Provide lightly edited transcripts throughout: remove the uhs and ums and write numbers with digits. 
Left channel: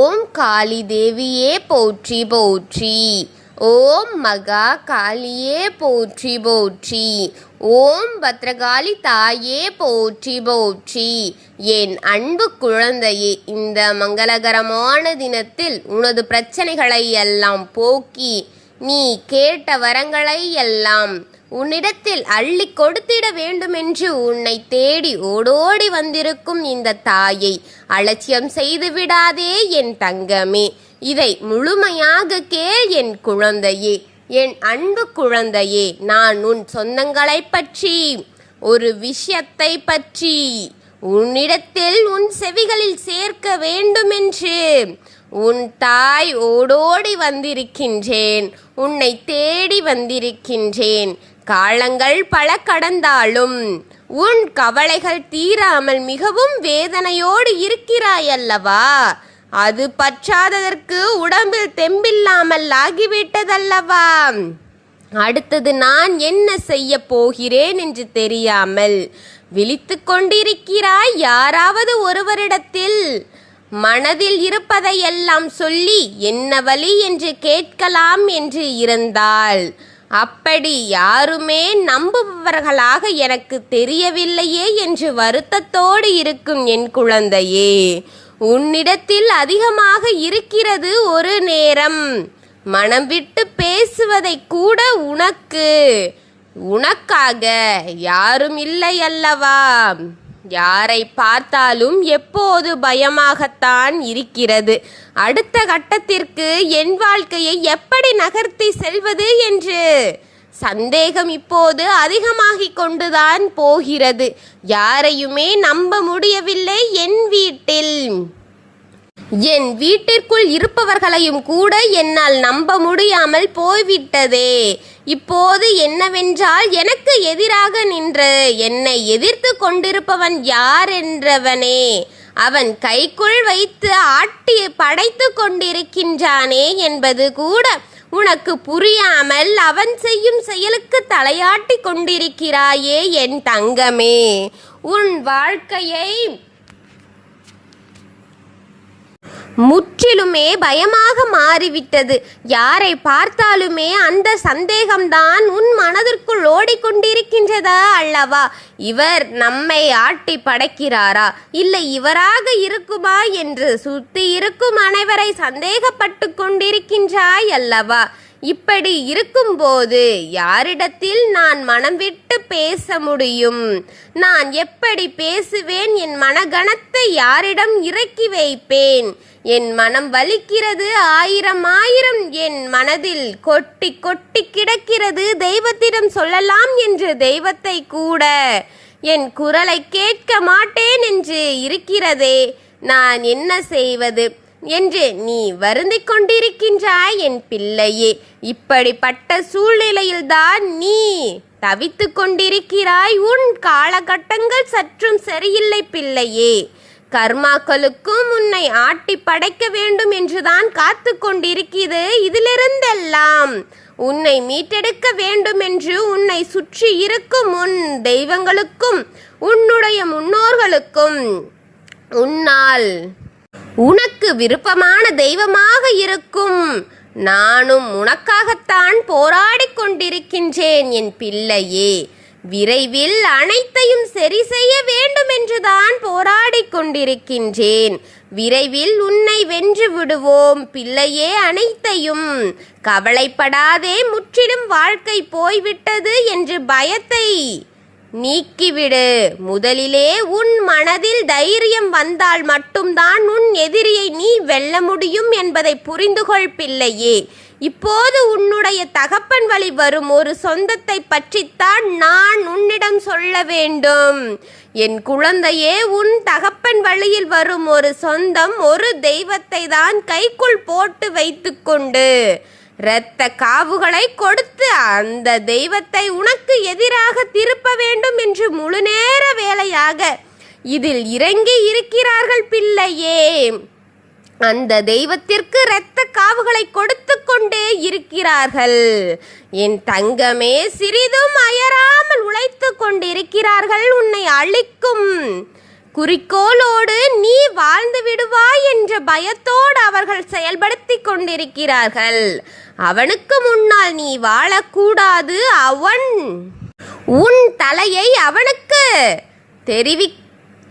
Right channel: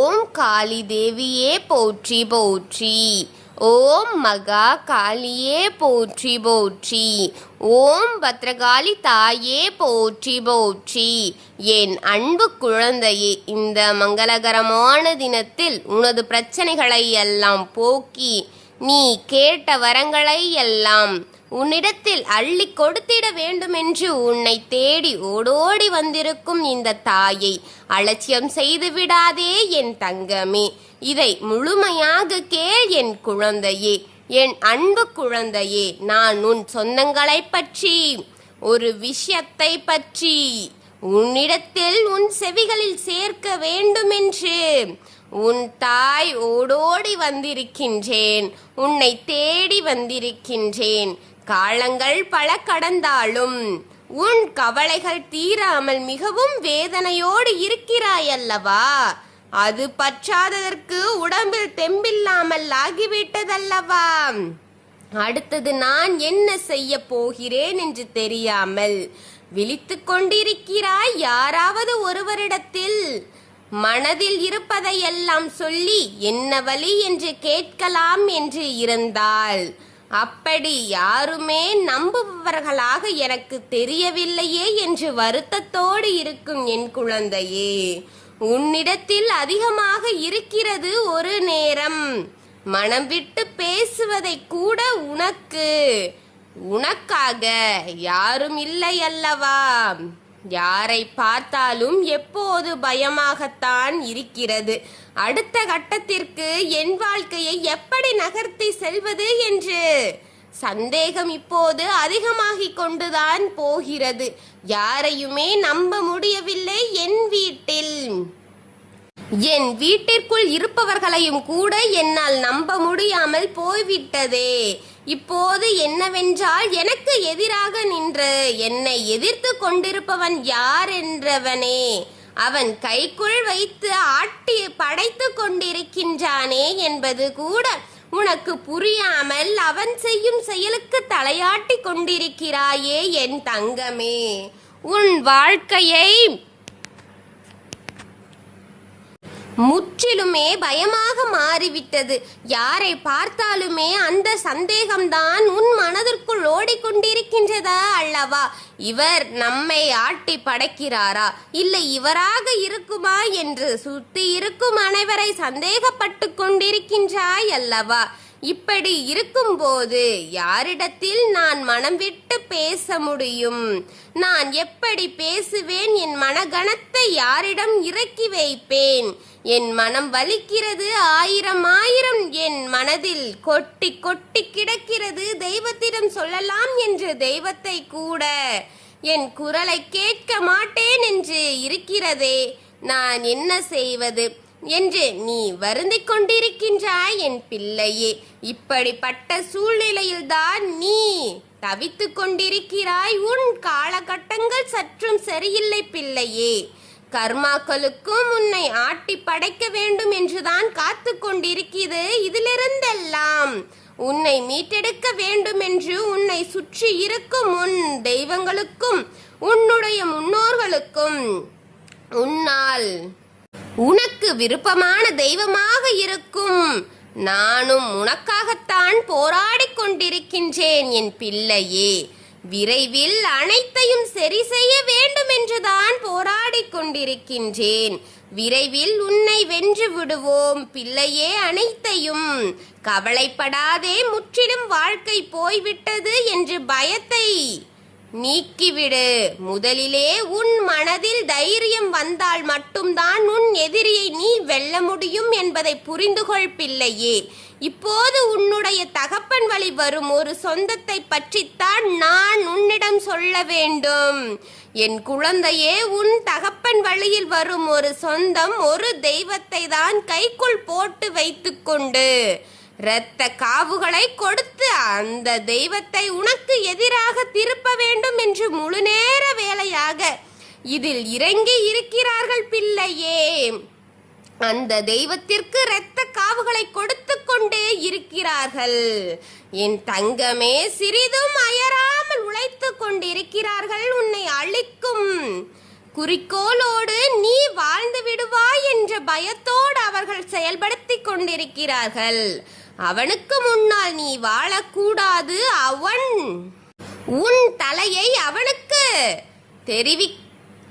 ஓம் காளி தேவியே போற்றி போற்றி. ஓம் மகா காளியே போற்றி போற்றி. ஓம் பத்ரகாளி தாயே போற்றி போற்றி. என் அன்பு குழந்தையே, இந்த மங்களகரமான தினத்தில் உனது பிரச்சனைகளை எல்லாம் போக்கி நீ கேட்ட வரங்களை எல்லாம் உன்னிடத்தில் அள்ளி கொடுத்திட வேண்டுமென்று உன்னை தேடி ஓடோடி வந்திருக்கும் இந்த தாயை அலட்சியம் செய்து விடாதே என் தங்கமே. இதை முழுமையாக கேள் என் குழந்தையே, என் அன்பு குழந்தையே. நான் உன் சொந்தங்களை பற்றி ஒரு விஷயத்தை பற்றி உன்னிடத்தில் உன் செவிகளில் சேர்க்க வேண்டுமென்று உன் தாய் ஓடோடி வந்திருக்கின்றேன். உன்னை தேடி வந்திருக்கின்றேன். காலங்கள் பல கடந்தாலும் உன் கவலைகள் தீராமல் மிகவும் வேதனையோடு இருக்கிறாயல்லவா? அது பற்றாததற்கு உடம்பில் தெம்பில்லாமல் ஆகிவிட்டதல்லவா? அடுத்தது நான் என்ன செய்ய போகிறேன் என்று தெரியாமல் விழித்து கொண்டிருக்கிறாய். யாராவது ஒருவரிடத்தில் மனதில் இருப்பதையெல்லாம் சொல்லி என்ன வழி என்று கேட்கலாம் என்று இருந்தால், அப்படி யாருமே நம்புபவர்களாக எனக்கு தெரியவில்லையே என்று வருத்தத்தோடு இருக்கும் என் குழந்தையே, உன்னிடத்தில் அதிகமாக இருக்கிறது ஒரு நேரம். மனம் விட்டு பேசுவதை கூட உனக்காக யாரும் இல்லை அல்லவா? யாரை பார்த்தாலும் எப்போது பயமாகத்தான் இருக்கிறது. அடுத்த கட்டத்திற்கு என் வாழ்க்கையை எப்படி நகர்த்தி செல்வது என்று சந்தேகம் இப்போது அதிகமாகிக் கொண்டுதான் போகிறது. யாரையுமே நம்ப முடியவில்லை. என் வீட்டிற்குள் இருப்பவர்களையும் கூட என்னால் நம்ப முடியாமல் போய்விட்டதே. இப்போது என்னவென்றால், எனக்கு எதிராக நின்று என்னை எதிர்த்து கொண்டிருப்பவன் யார் என்றவனே அவன் கைக்குள் வைத்து ஆட்டி படைத்து கொண்டிருக்கின்றானே என்பது கூட உனக்கு புரியாமல் அவன் செய்யும் செயலுக்கு தலையாட்டி கொண்டிருக்கிறாயே என் தங்கமே. உன் வாழ்க்கையை முற்றிலுமே பயமாக மாறிவிட்டது. யாரை பார்த்தாலுமே அந்த சந்தேகம்தான் உன் மனதிற்குள் ஓடிக்கொண்டிருக்கின்றதா அல்லவா? இவர் நம்மை ஆட்டி படைக்கிறாரா, இல்லை இவராக இருக்குமா என்று சுற்றி இருக்கும் அனைவரை சந்தேகப்பட்டு கொண்டிருக்கின்றாய் அல்லவா? இப்படி இருக்கும்போது யாரிடத்தில் நான் மனம் விட்டு பேச முடியும்? நான் எப்படி பேசுவேன்? என் மனகணத்தை யாரிடம் இறக்கி வைப்பேன்? என் மனம் வலிக்கிறது. ஆயிரம் என் மனதில் கொட்டி கொட்டி கிடக்கிறது. தெய்வத்திடம் சொல்லலாம் என்று தெய்வத்தை கூட என் குரலை கேட்க மாட்டேன் என்று இருக்கிறதே. நான் என்ன செய்வது என்று நீ வருந்திக் கொண்டிருக்கின்றாய் என் பிள்ளையே. இப்படிப்பட்ட சூழ்நிலையில்தான் நீ தவித்து கொண்டிருக்கிறாய். உன் காலகட்டங்கள் சற்றும் சரியில்லை பிள்ளையே. கர்மாக்களுக்கும் உன்னை ஆட்டி படைக்க வேண்டும் என்றுதான் காத்து கொண்டிருக்கிறது. இதிலிருந்தெல்லாம் உன்னை மீட்டெடுக்க வேண்டும் என்று உன்னை சுற்றி இருக்கும் உன் தெய்வங்களுக்கும் உன்னுடைய முன்னோர்களுக்கும் உனக்கு விருப்பமான தெய்வமாக இருக்கும் நானும் உனக்காகத்தான் போராடி கொண்டிருக்கின்றேன் என் பிள்ளையே. விரைவில் அனைத்தையும் சரி செய்ய வேண்டும் என்றுதான் போராடி கொண்டிருக்கின்றேன். விரைவில் உன்னை வென்று விடுவோம் பிள்ளையே. அனைத்தையும் கவலைப்படாதே. முற்றிலும் வாழ்க்கை போய்விட்டது என்று பயத்தை நீக்கிவிடு. முதலிலே உன் மனதில் தைரியம் வந்தால் மட்டும்தான் உன் எதிரியை நீ வெல்ல முடியும் என்பதை புரிந்துகொள் பிள்ளையே. இப்போது உன்னுடைய தகப்பன் வழி வரும் ஒரு சொந்தத்தை பற்றித்தான் நான் உன்னிடம் சொல்ல வேண்டும். என் குழந்தையே, உன் தகப்பன் வழியில் வரும் ஒரு சொந்தம் ஒரு தெய்வத்தை தான் கைக்குள் போட்டு வைத்துக்கொண்டு இரத்த காவுகளை கொடுத்து அந்த தெய்வத்தை உனக்கு எதிராக திருப்ப வேண்டும் என்று முழு நேர வேலையாக இதில் இறங்கி இருக்கிறார்கள் பிள்ளையே. அந்த தெய்வத்திற்கு இரத்த காவுகளை கொடுத்து கொண்டே இருக்கிறார்கள் என் தங்கமே. சிறிதும் அயராமல் உழைத்து கொண்டிருக்கிறார்கள் உன்னை அழிக்கும் குறிக்கோளோடு நீ வாழ்ந்து விடுவாய் என்ற பயத்தோடு அவர்கள் செயல்படுத்திக் கொண்டிருக்கிறார்கள். அவனுக்கு முன்னால் நீ வாழக்கூடாது. அவன் உன் தலையை அவனுக்கு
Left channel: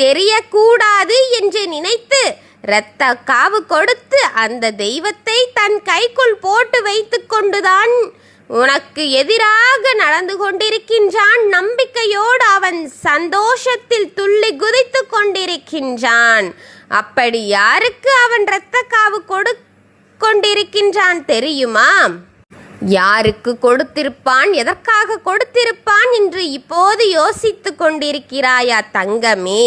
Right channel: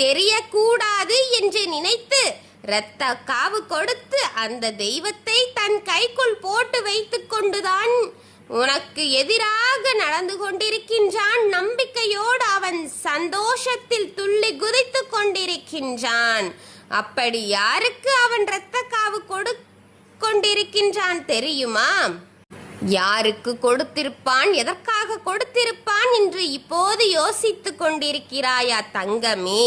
தெரியக்கூடாது என்று நினைத்து இரத்த காவு கொடுத்து அந்த தெய்வத்தை தன் கைக்குள் போட்டு வைத்து கொண்டுதான் உனக்கு எதிராக நடந்து கொண்டிருக்கின்றான். நம்பிக்கையோடு அவன் சந்தோஷத்தில் துள்ளி குதித்து கொண்டிருக்கின்றான். அப்படி யாருக்கு அவன் இரத்த காவு கொண்டிருக்கின்றான் தெரியுமா? யாருக்கு கொடுத்திருப்பான், எதற்காக கொடுத்திருப்பான் என்று இப்போது யோசித்து கொண்டிருக்கிறாயா தங்கமே?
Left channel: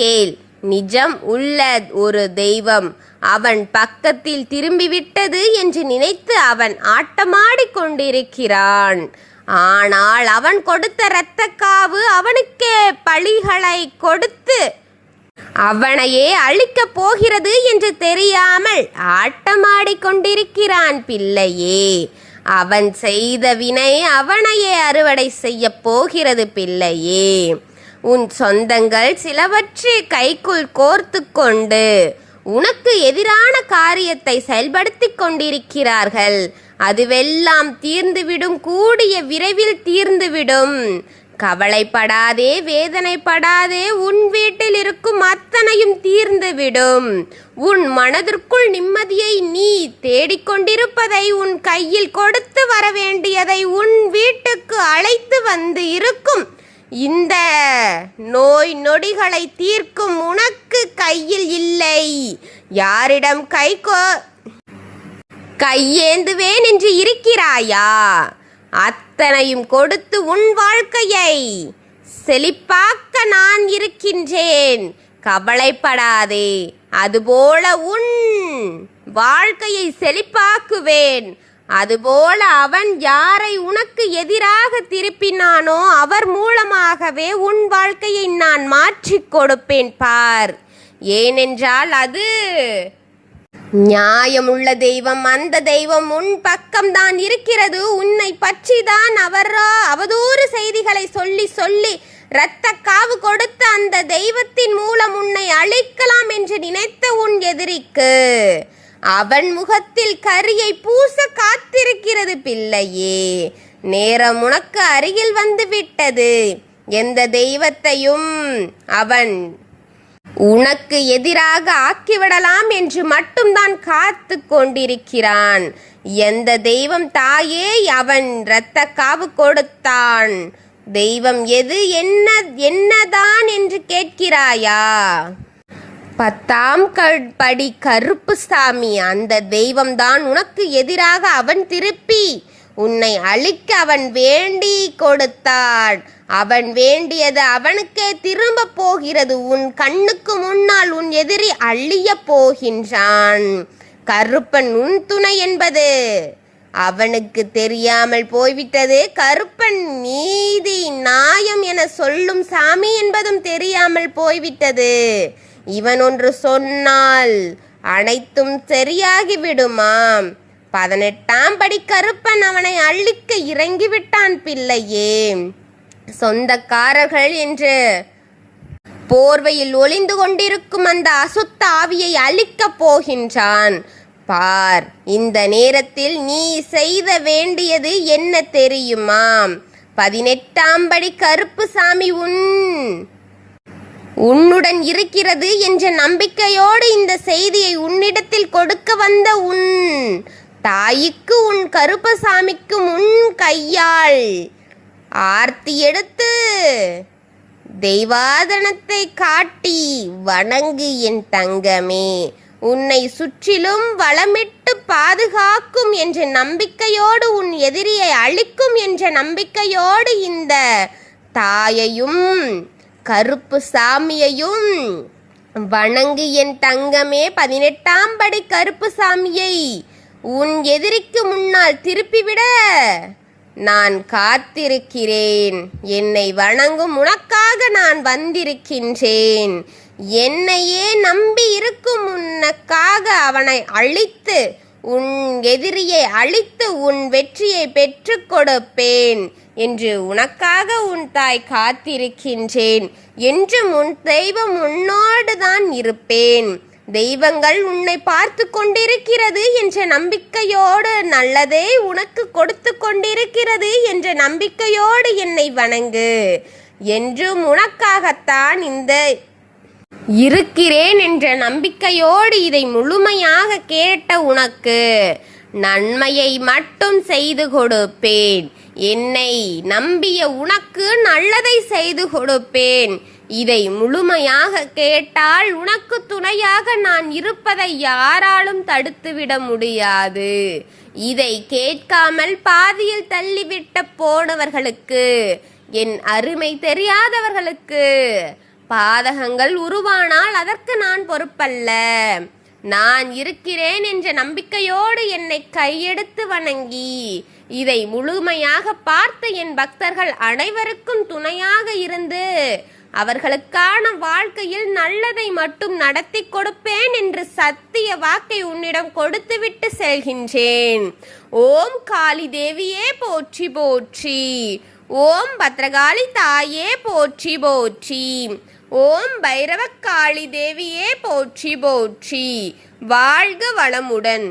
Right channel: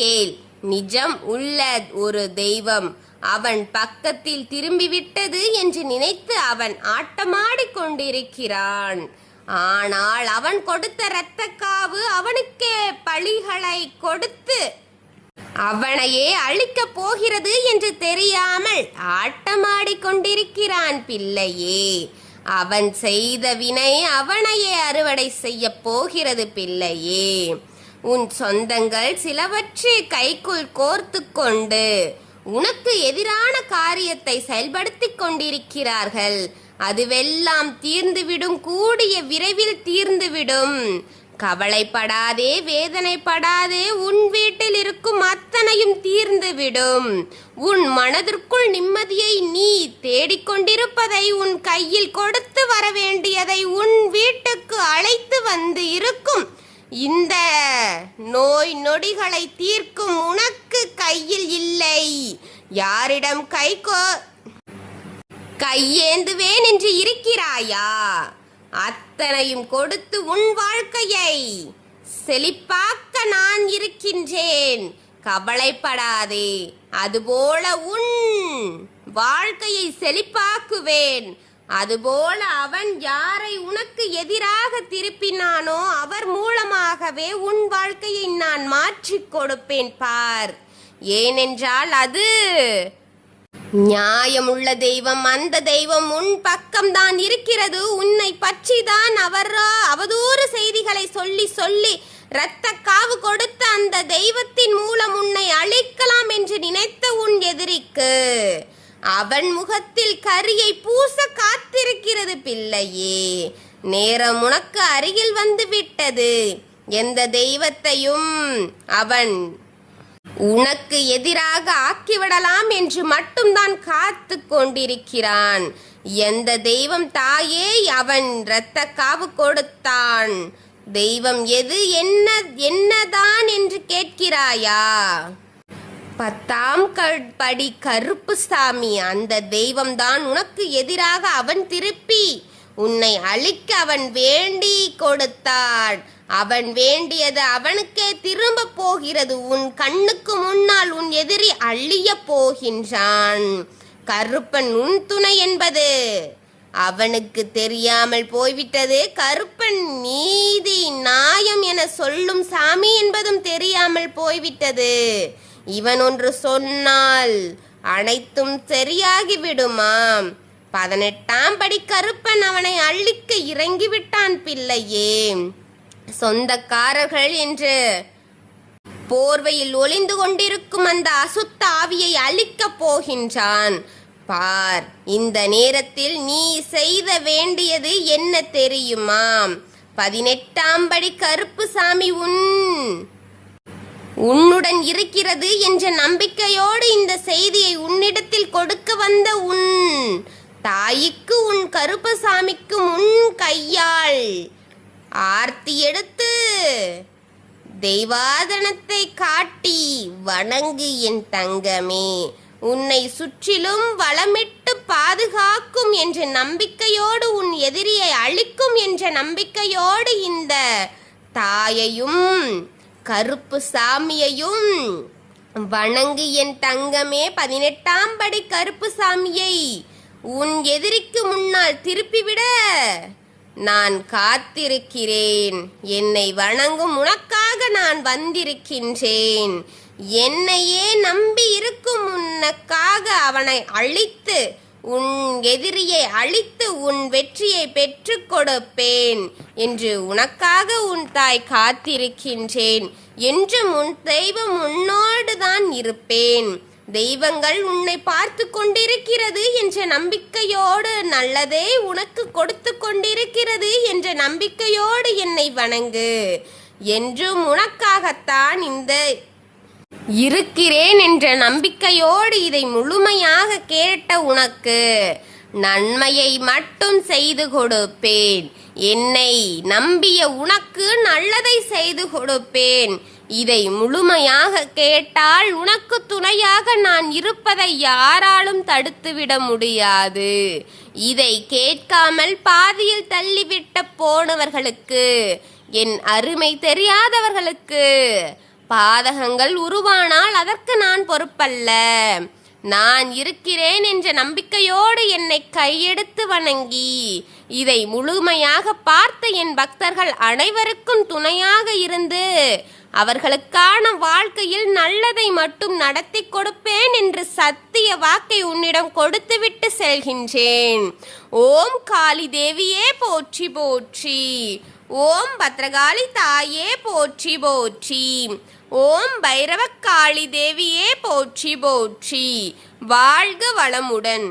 கேள். நிஜம் உள்ள ஒரு தெய்வம் அவன் பக்கத்தில் திரும்பிவிட்டது என்று நினைத்து அவன் ஆட்டமாடிக் கொண்டிருக்கிறான். ஆனால் அவன் கொடுத்த இரத்தக்காவு அவனுக்கே பழிகளை கொடுத்து அவனையே அழிக்கப் போகிறது என்று தெரியாமல் ஆட்டமாடிக் கொண்டிருக்கிறான் பிள்ளையே. அவன் செய்த வினை அவனையே அறுவடை செய்ய போகிறது பிள்ளையே. உன் சொந்தங்கள் சிலவற்றை கைக்குள் கோர்த்து கொண்டு உனக்கு எதிரான காரியத்தை செயல்படுத்திக் கொண்டிருக்கிறார்கள். அதுவெல்லாம் தீர்ந்துவிடும், கூடிய விரைவில் தீர்ந்துவிடும். கவலைப்படாதே, வேதனைப்படாதே. உன் வீட்டில் இருக்கும் அத்தனையும் தீர்ந்துவிடும். உன் மனதிற்குள் நிம்மதியை நீ தேடிக்கொண்டிருப்பதை, உன் கையில் கொடுத்து வர வேண்டியதை உன் வீட்டுக்கு அழைத்து வந்து இருக்கும் இந்த நோய் நொடிகளை தீர்க்கும் உனக்கு கையில் இல்லை. யாரிடம் கையேந்துவேன் என்று இருக்கிறாயா? அத்தனையும் கொடுத்து உன் வாழ்க்கையை செழிப்பாக்க நான் இருக்கின்றேன். கவலைப்படாதே. அதுபோல உன் வாழ்க்கையை செழிப்பாக்குவேன். அதுபோல அவன் யாரை உனக்கு எதிராக திருப்பினானோ அவர் மூலமாகவே உன் வாழ்க்கையை நான் மாற்றிக் கொடுப்பேன் பார். ஏனென்றால் அது நியாயமுள்ள தெய்வம். அந்த தெய்வம் உன் பக்கம்தான் இருக்கிறது. உன்னை பற்றிதான் அவதூறு செய்திகளை சொல்லி சொல்லி இரத்த காவு கொடுத்த அந்த தெய்வத்தின் மூலம் உன்னை அழிக்கலாம் என்று நினைத்த உன் எதிரிக்கு அவன் முகத்தில் கரியை பூச காத்திருக்கிறது பிள்ளையே. நேரம் உனக்கு அருகில் வந்து விட்டது. எந்த தெய்வத்தையும் அவன் உனக்கு எதிராக ஆக்கிவிடலாம் என்று மட்டும்தான் காத்து கொண்டிருக்கிறான். எந்த தெய்வம் தாயே அவன் இரத்த காவு கொடுத்தான்? தெய்வம் எது, என்னதான் என்று கேட்கிறாயா? 10ஆம் படி கருப்புசாமி. அந்த தெய்வம்தான் உனக்கு எதிராக அவன் திருப்பி உன்னை அழிக்க அவன் வேண்டி கொடுத்தான். அவன் வேண்டியது அவனுக்கே திரும்ப போகிறது. உன் கண்ணுக்கு முன்னால் உன் எதிரி அழிய போகின்றான். கருப்பன் உன் துணை என்பது அவனுக்கு தெரியாமல் போய்விட்டது. கருப்பன் நீதி நியாயம் என சொல்லும் சாமி என்பதும் தெரியாமல் போய்விட்டது. இவன் ஒன்று சொன்னால் அனைத்தும் சரியாகிவிடுமாம். 18ஆம் படி கருப்பன் அவனை அழிக்க இறங்கிவிட்டான் பிள்ளையே. சொந்தக்காரர்கள் என்று போர்வையில் ஒளிந்து கொண்டிருக்கும் அந்த அசுத்த ஆவியை அழிக்கப் போகின்றான் பார். இந்த நேரத்தில் நீ செய்த வேண்டியது என்ன தெரியுமா? 18ஆம் படி கருப்புசாமி உன்னுடன் இருக்கிறது என்ற நம்பிக்கையோடு இந்த செய்தியை உன்னிடத்தில் கொடுக்க வந்த உன் தாய்க்கு உன் கருப்பசாமிக்கு முன் கையால் ஆர்த்தி எடுத்து தெய்வாதனத்தை காட்டி வணங்கு என் தங்கமே. உன்னை சுற்றிலும் வளமிட்டு பாதுகாக்கும் என்ற நம்பிக்கையோடு, உன் எதிரியை அழிக்கும் என்ற நம்பிக்கையோடு இந்த தாயையும் கருப்புசாமியையும் வணங்கு என் தங்கமே. 18ஆம் படி கருப்புசாமியை உன் எதிரிக்கு முன்னால் திருப்பிவிட நான் காத்திருக்கிறேன். என்னை வணங்கும் உனக்காக நான் வந்திருக்கின்றேன். என்னையே நம்பி இருக்கும் உனக்காக அவனை அழித்து உன் எதிரியை அழித்து உன் வெற்றியை பெற்றுக் கொடுப்பேன் என்று உனக்காக உன் தாய் காத்திருக்கின்றேன். என்றும் உன் தெய்வம் உன்னோடு தான் இருப்பேன். தெய்வங்கள் உன்னை பார்த்து கொண்டிருக்கிறது என்ற நம்பிக்கையோடு, நல்லதே உனக்கு கொடுத்து கொண்டிருக்கிறது என்ற நம்பிக்கையோடு என்னை வணங்கு. என்றும் உனக்காகத்தான் இந்த இருக்கிறேன் என்ற நம்பிக்கையோடு இதை முழுமையாக கேட்ட உனக்கு நன்மையை மட்டும் செய்து கொடுப்பேன். என்னை நம்பிய உனக்கு நல்லதை செய்து கொடுப்பேன். இதை முழுமையாக கேட்டால் உனக்கு துணையாக நான் இருப்பதை யாராலும் தடுத்துவிட முடியாது. இதை கேட்காமல் பாதியில் தள்ளிவிட்ட போனவர்களுக்கு, என் அருமை தெரியாதவர்களுக்கு பாதகங்கள் உருவானால் அதற்கு நான் பொறுப்பல்ல. நான் இருக்கிறேன் என்ற நம்பிக்கையோடு என்னை கையெடுத்து வணங்கி இதை முழுமையாக பார்த்த என் பக்தர்கள் அனைவருக்கும் துணையாக இருந்து அவர்களுக்கான வாழ்க்கையில் நல்லதை மட்டும் நடத்தி கொடுப்பேன் என்று சத்திய வாக்கை உன்னிடம் கொடுத்துவிட்டு செல்கின்றேன். ஓம் காளி தேவியே போற்றி போற்றி. ஓம் பத்ரகாளி தாயே போற்றி போற்றி. ஓம் பைரவக்காளி தேவியே போற்றி போற்றி. வாழ்க வளமுடன்.